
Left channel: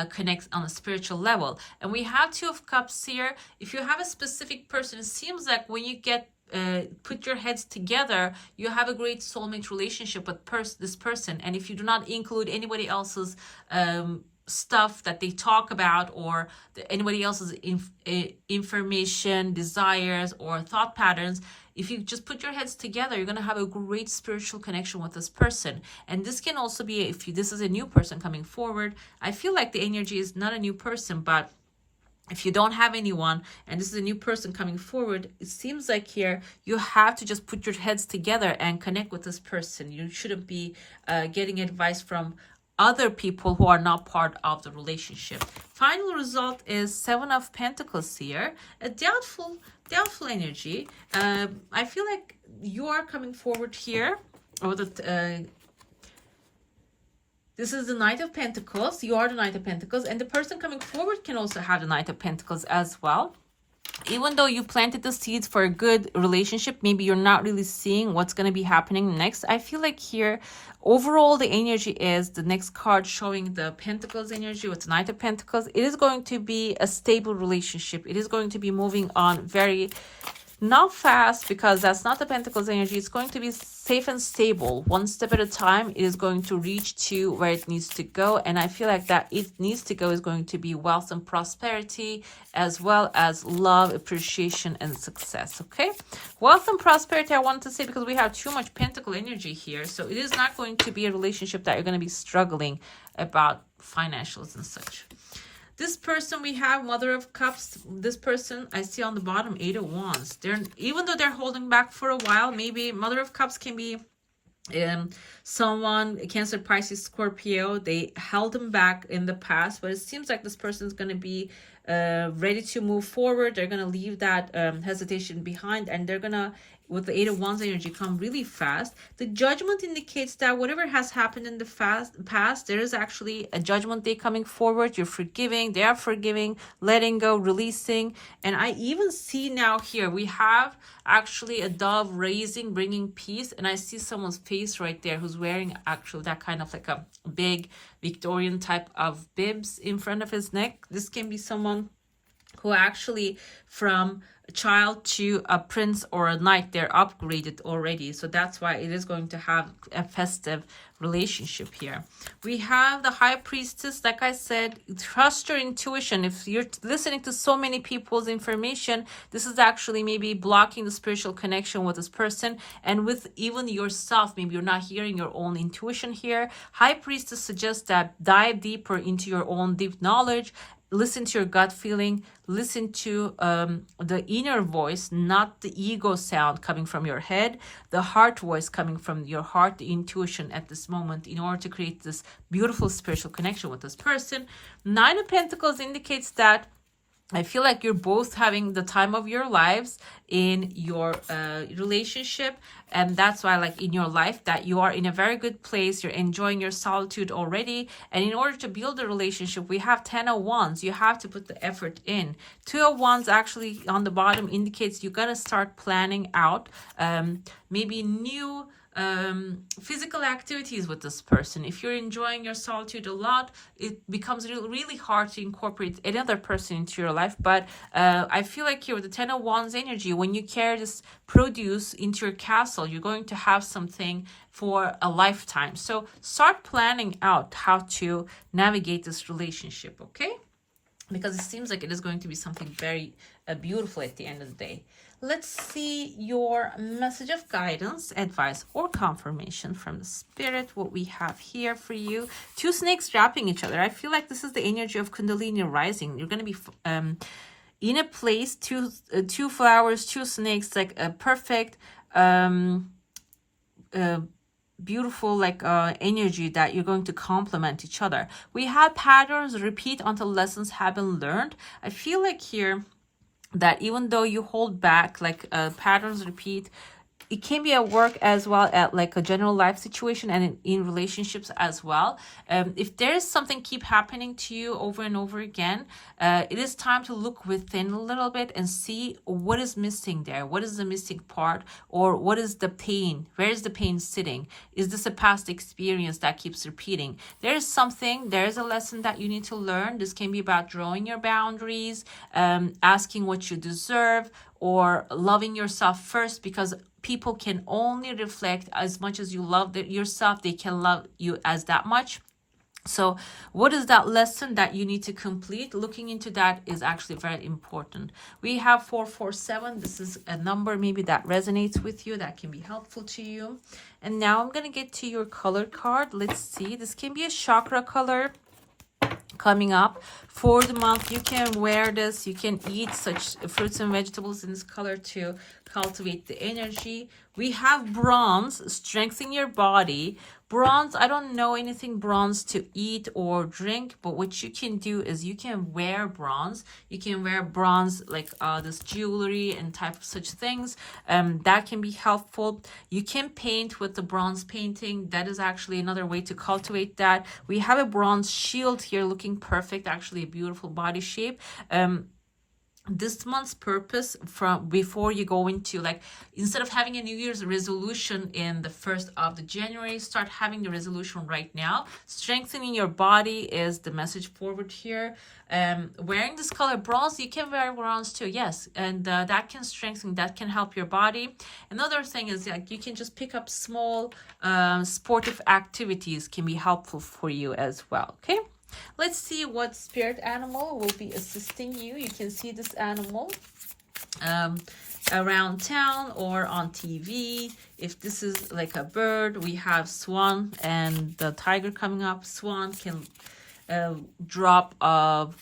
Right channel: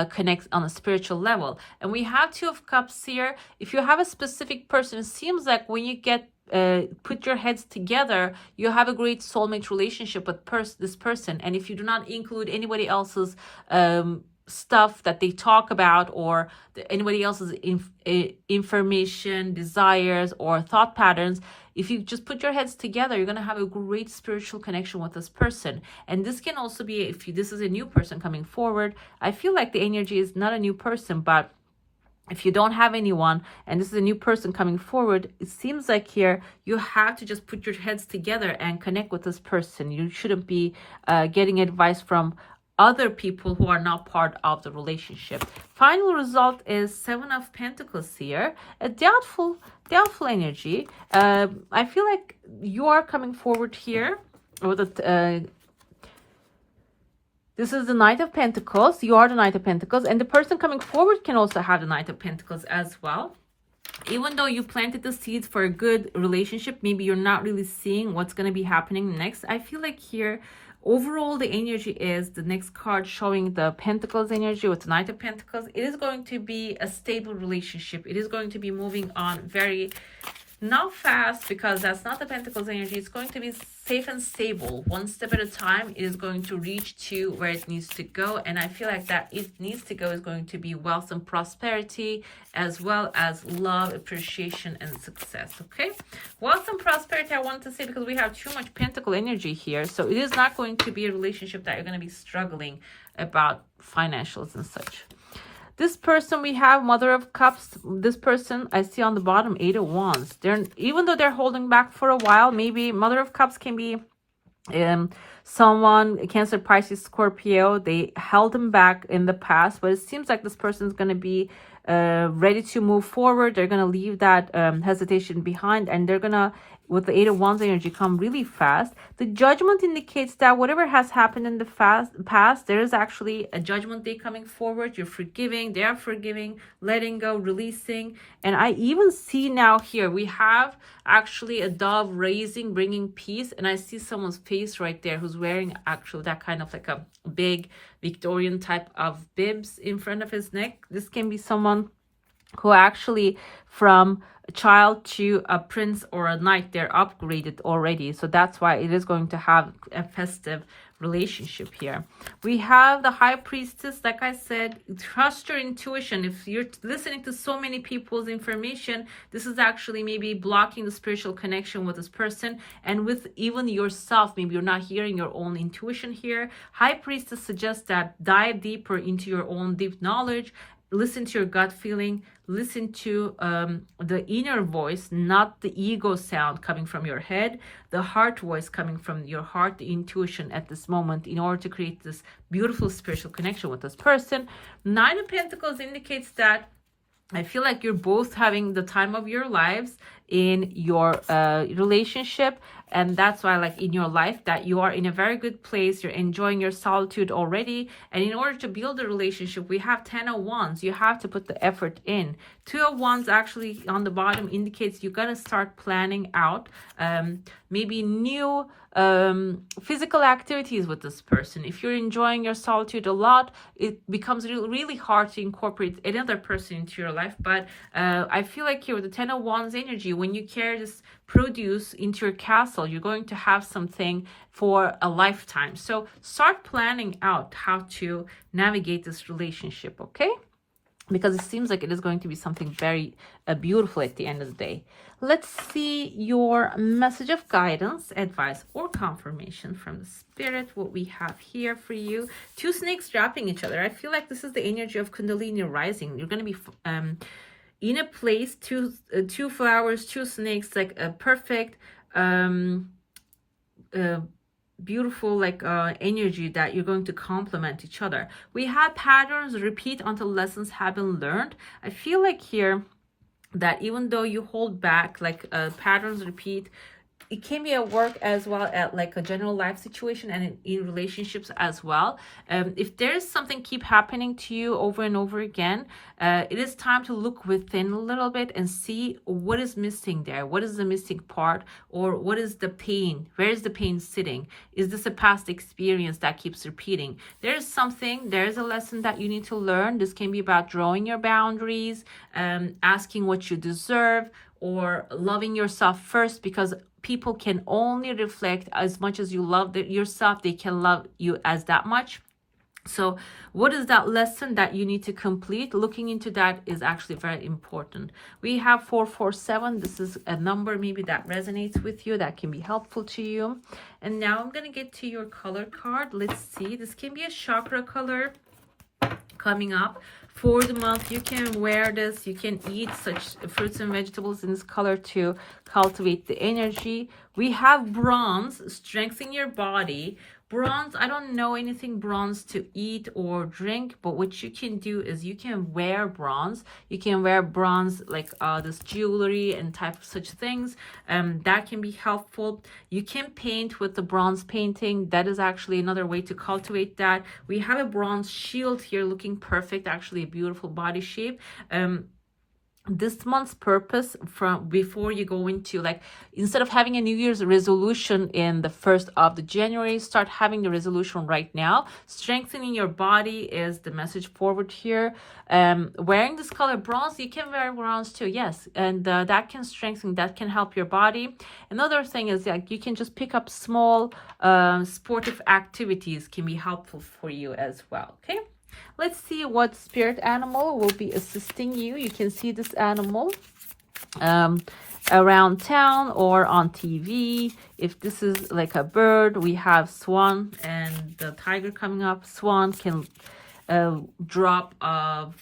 connect on a spiritual level. And we have 2 of Cups here. If you have a specific person, it seems like when you get put your heads together, you have a great soulmate relationship with this person. And if you do not include anybody else's stuff that they talk about or anybody else's information, desires, or thought patterns, if you just put your heads together, you're going to have a great spiritual connection with this person. And this can also be, if this is a new person coming forward, I feel like the energy is not a new person, but if you don't have anyone and this is a new person coming forward, it seems like here you have to just put your heads together and connect with this person. You shouldn't be getting advice from other people who are not part of the relationship. Final result is 7 of Pentacles here, a doubtful energy. I feel like you are coming forward here, or this is the Knight of Pentacles. You are the Knight of Pentacles, and the person coming forward can also have the Knight of Pentacles as well. Even though you planted the seeds for a good relationship, maybe you're not really seeing what's going to be happening next. I feel like here, overall, the energy is the next card showing the Pentacles energy with the Knight of Pentacles. It is going to be a stable relationship. It is going to be moving on very, not fast, because that's not the Pentacles energy. It's going to be safe and stable. One step at a time, it is going to reach to where it needs to go. And I feel like that it needs to go is going to be wealth and prosperity, as well as love, appreciation, and success. Okay, wealth and prosperity, I want to say, because we have too much Pentacle energy here. So it is not going to be a relationship that you're going to be struggling about financials and such. This person, we have Mother of Cups. This person, I see on the bottom, 8 of Wands. Even though they're holding back for a while, maybe Mother of Cups can be someone, Cancer, Pisces, Scorpio. They held them back in the past, but it seems like this person is going to be ready to move forward. They're going to leave that hesitation behind, and they're going to, with the 8 of Wands energy, come really fast. The Judgment indicates that whatever has happened in the past, there is actually a Judgment Day coming forward. You're forgiving, they are forgiving, letting go, releasing. And I even see now here, we have actually a dove raising, bringing peace. And I see someone's face right there who's wearing actually that kind of like a big Victorian type of bibs in front of his neck. This can be someone who actually from child to a prince or a knight, they're upgraded already. So that's why it is going to have a festive relationship here. We have the high priestess. Like I said, trust your intuition. If you're listening to so many people's information, this is actually maybe blocking the spiritual connection with this person and with even yourself. Maybe you're not hearing your own intuition here. High priestess suggests that dive deeper into your own deep knowledge. Listen to your gut feeling, listen to the inner voice, not the ego sound coming from your head, the heart voice coming from your heart, the intuition at this moment, in order to create this beautiful spiritual connection with this person. Nine of Pentacles indicates that I feel like you're both having the time of your lives in your relationship. And that's why, like, in your life, that you are in a very good place. You're enjoying your solitude already. And in order to build a relationship, we have 10 of Wands. You have to put the effort in. 2 of Wands actually on the bottom indicates you're going to start planning out maybe new physical activities with this person. If you're enjoying your solitude a lot, it becomes really hard to incorporate another person into your life. But I feel like here with the 10 of Wands energy, when you carry this produce into your castle, you're going to have something for a lifetime. So start planning out how to navigate this relationship, okay? Because it seems like it is going to be something very beautiful at the end of the day. Let's see your message of guidance, advice, or confirmation from the spirit. What we have here for you. 2 snakes wrapping each other. I feel like this is the energy of Kundalini rising. You're going to be in a place, two flowers, 2 snakes, like a perfect, beautiful, like energy that you're going to complement each other. We have patterns repeat until lessons have been learned. I feel like here that even though you hold back, like patterns repeat, it can be at work as well, at like a general life situation and in relationships as well. If there's something keep happening to you over and over again, it is time to look within a little bit and see what is missing there. What is the missing part, or what is the pain? Where is the pain sitting? Is this a past experience that keeps repeating? There is something, there is a lesson that you need to learn. This can be about drawing your boundaries, asking what you deserve, or loving yourself first, because people can only reflect as much as you love yourself. They can love you as that much. So what is that lesson that you need to complete? Looking into that is actually very important. We have 447. This is a number maybe that resonates with you, that can be helpful to you. And now I'm going to get to your color card. Let's see. This can be a chakra color coming up for the month. You can wear this, you can eat such fruits and vegetables in this color to cultivate the energy. We have bronze, strengthen your body. Bronze, I don't know anything bronze to eat or drink, but what you can do is you can wear bronze. You can wear bronze, like this jewelry and type of such things. That can be helpful. You can paint with the bronze painting. That is actually another way to cultivate that. We have a bronze shield here looking perfect, actually a beautiful body shape. This month's purpose, from before you go into, like, instead of having a New Year's resolution in the 1st of the January, start having the resolution right now. Strengthening your body is the message forward here. Wearing this color bronze, you can wear bronze too, yes, and that can strengthen, that can help your body. Another thing is, like, you can just pick up small sportive activities, can be helpful for you as well. Okay, let's see what spirit animal will be assisting you. You can see this animal around town or on TV. If this is like a bird, we have swan and the tiger coming up. Swan can drop of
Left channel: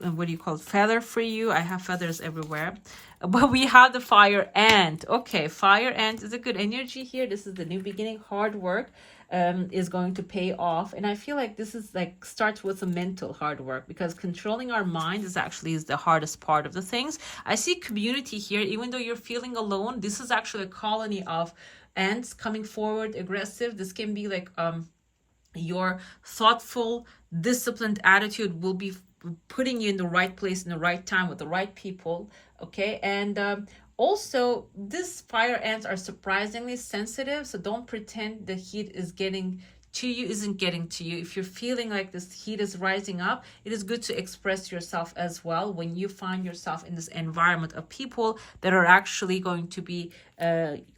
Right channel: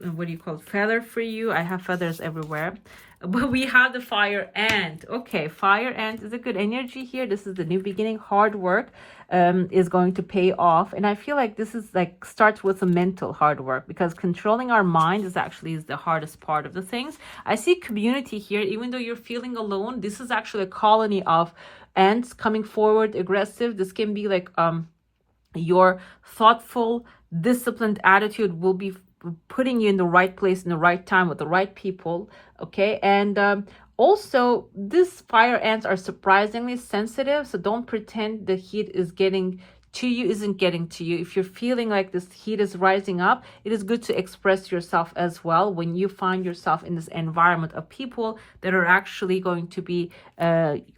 what do you call it, feather for you. I have feathers everywhere. But we have the fire ant. Okay, fire ant is a good energy here. This is the new beginning. Hard work is going to pay off. And I feel like this is like starts with a mental hard work, because controlling our mind is actually the hardest part of the things. I see community here. Even though you're feeling alone, this is actually a colony of ants coming forward, aggressive. This can be like your thoughtful, disciplined attitude will be putting you in the right place in the right time with the right people. Okay, and also these fire ants are surprisingly sensitive, so don't pretend the heat is getting to you isn't getting to you, if you're feeling like this heat is rising up, it is good to express yourself as well when you find yourself in this environment of people that are actually going to be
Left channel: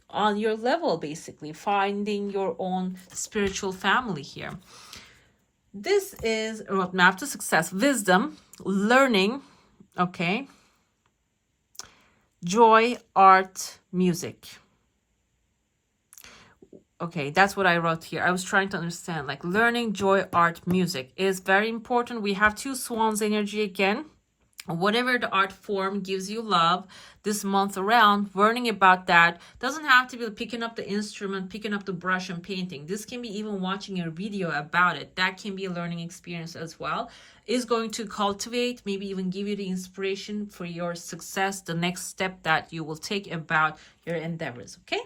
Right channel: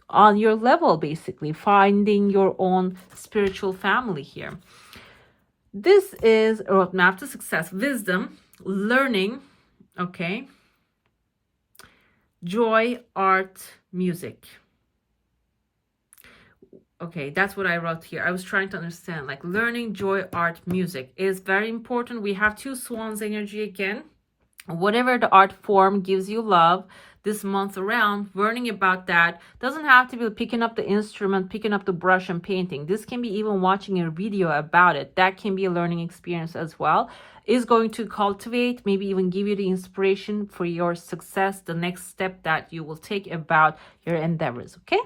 on your level, basically finding your own spiritual family here. This is a roadmap to success: wisdom, learning, okay, joy, art, music. Okay, that's what I wrote here. I was trying to understand, like, learning, joy, art, music is very important. We have 2 swans energy again. Whatever the art form gives you love this month around, learning about that. Doesn't have to be picking up the instrument, picking up the brush and painting. This can be even watching a video about it. That can be a learning experience as well. Is going to cultivate, maybe even give you the inspiration for your success, the next step that you will take about your endeavors, okay?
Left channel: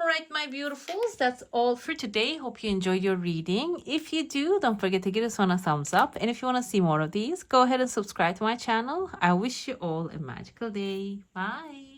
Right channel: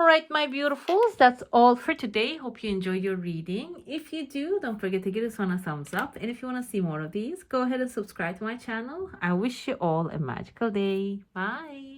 All right, my beautifuls, that's all for today. Hope you enjoyed your reading. If you do, don't forget to give this one a thumbs up. And if you want to see more of these, go ahead and subscribe to my channel. I wish you all a magical day. Bye.